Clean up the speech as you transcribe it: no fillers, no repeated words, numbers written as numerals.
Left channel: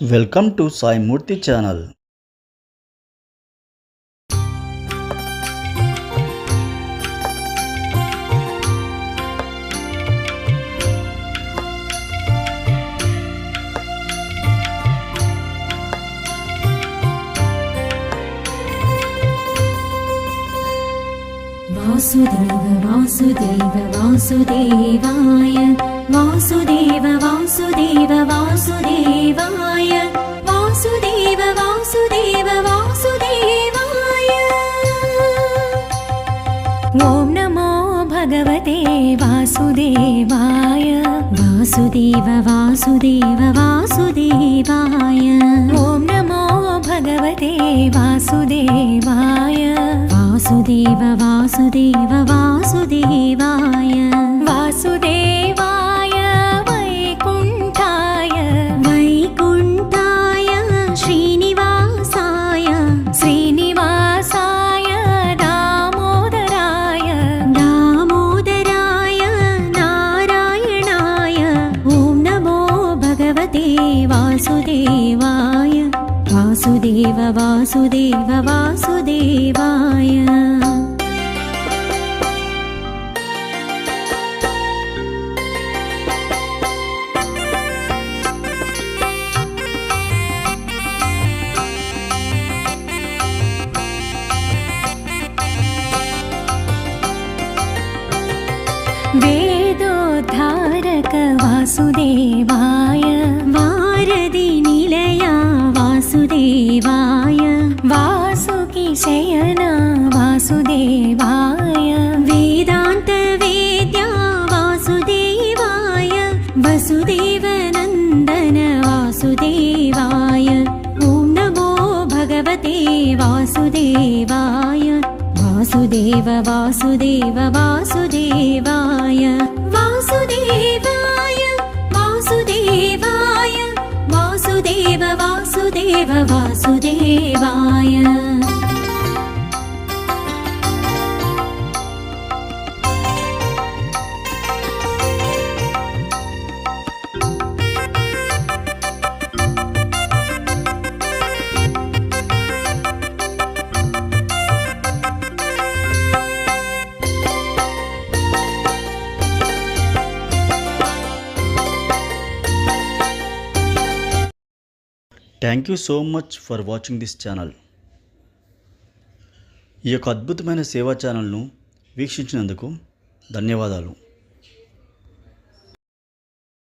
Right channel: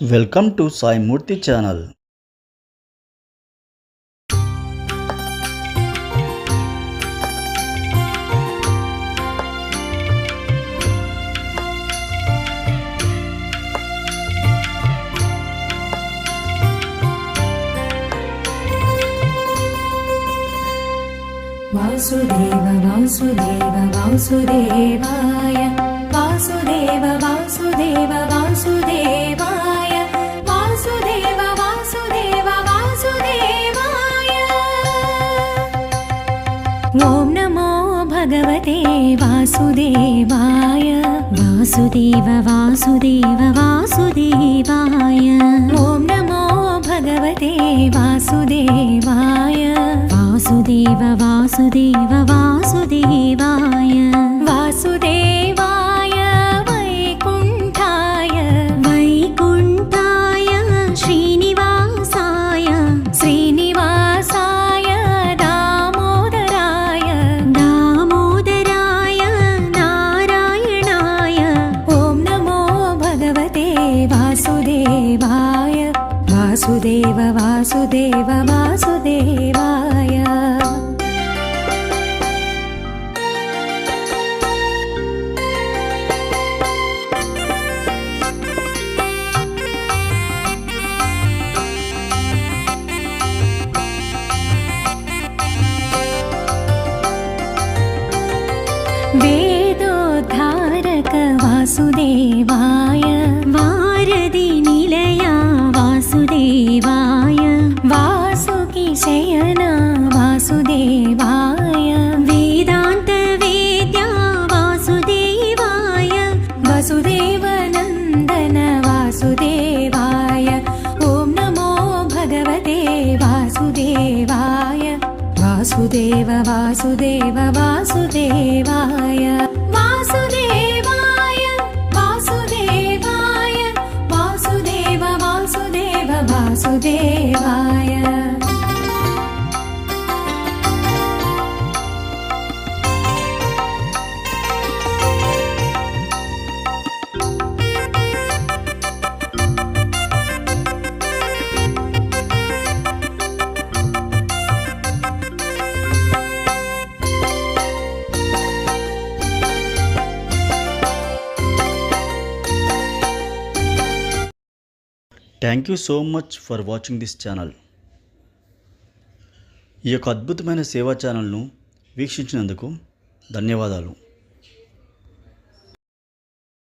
Welcome to Sai Murthy channel. Vasudev Vasudev वासुदेवाय वासुदेव वासुदेव वासुदेवाय वासुदेव वासुदेव वासुदेवाय ॐ नमो भगवते वासुदेवाय वासुदेव वासुदेव वासुदेवाय ॐ नमो भगवते वासुदेवाय वासुदेव वासुदेव वासुदेवाय वासुदेवाय वैकुण्ठाय वैकुण्ठाय श्रीनिवासाय श्रीनिवासाय दामोदराय दामोदराय नारायणाय ॐ नमो भगवते वासुदेवाय वासुदेव वासुदेव वासुदेवाय वेदोद्धारक वासुदेवाय वारदि निलया वासुदेवाय वासुकी शयना वासुदेवाय वेदान्त वेद्या वासुदेवाय वसुदेवनन्दन वासुदेवाय ॐ नमो भगवते वासुदेवाय वासुदेव वासुदेव वासुदेवाय वासुदेवाय वासुदेवाय वासुदेव वासुदेव वासुदेवाय thank you so much for watching this channel. ఈ యొక్క అద్భుతమైన సేవా ఛానల్ను వీక్షించినందుకు ధన్యవాదాలు.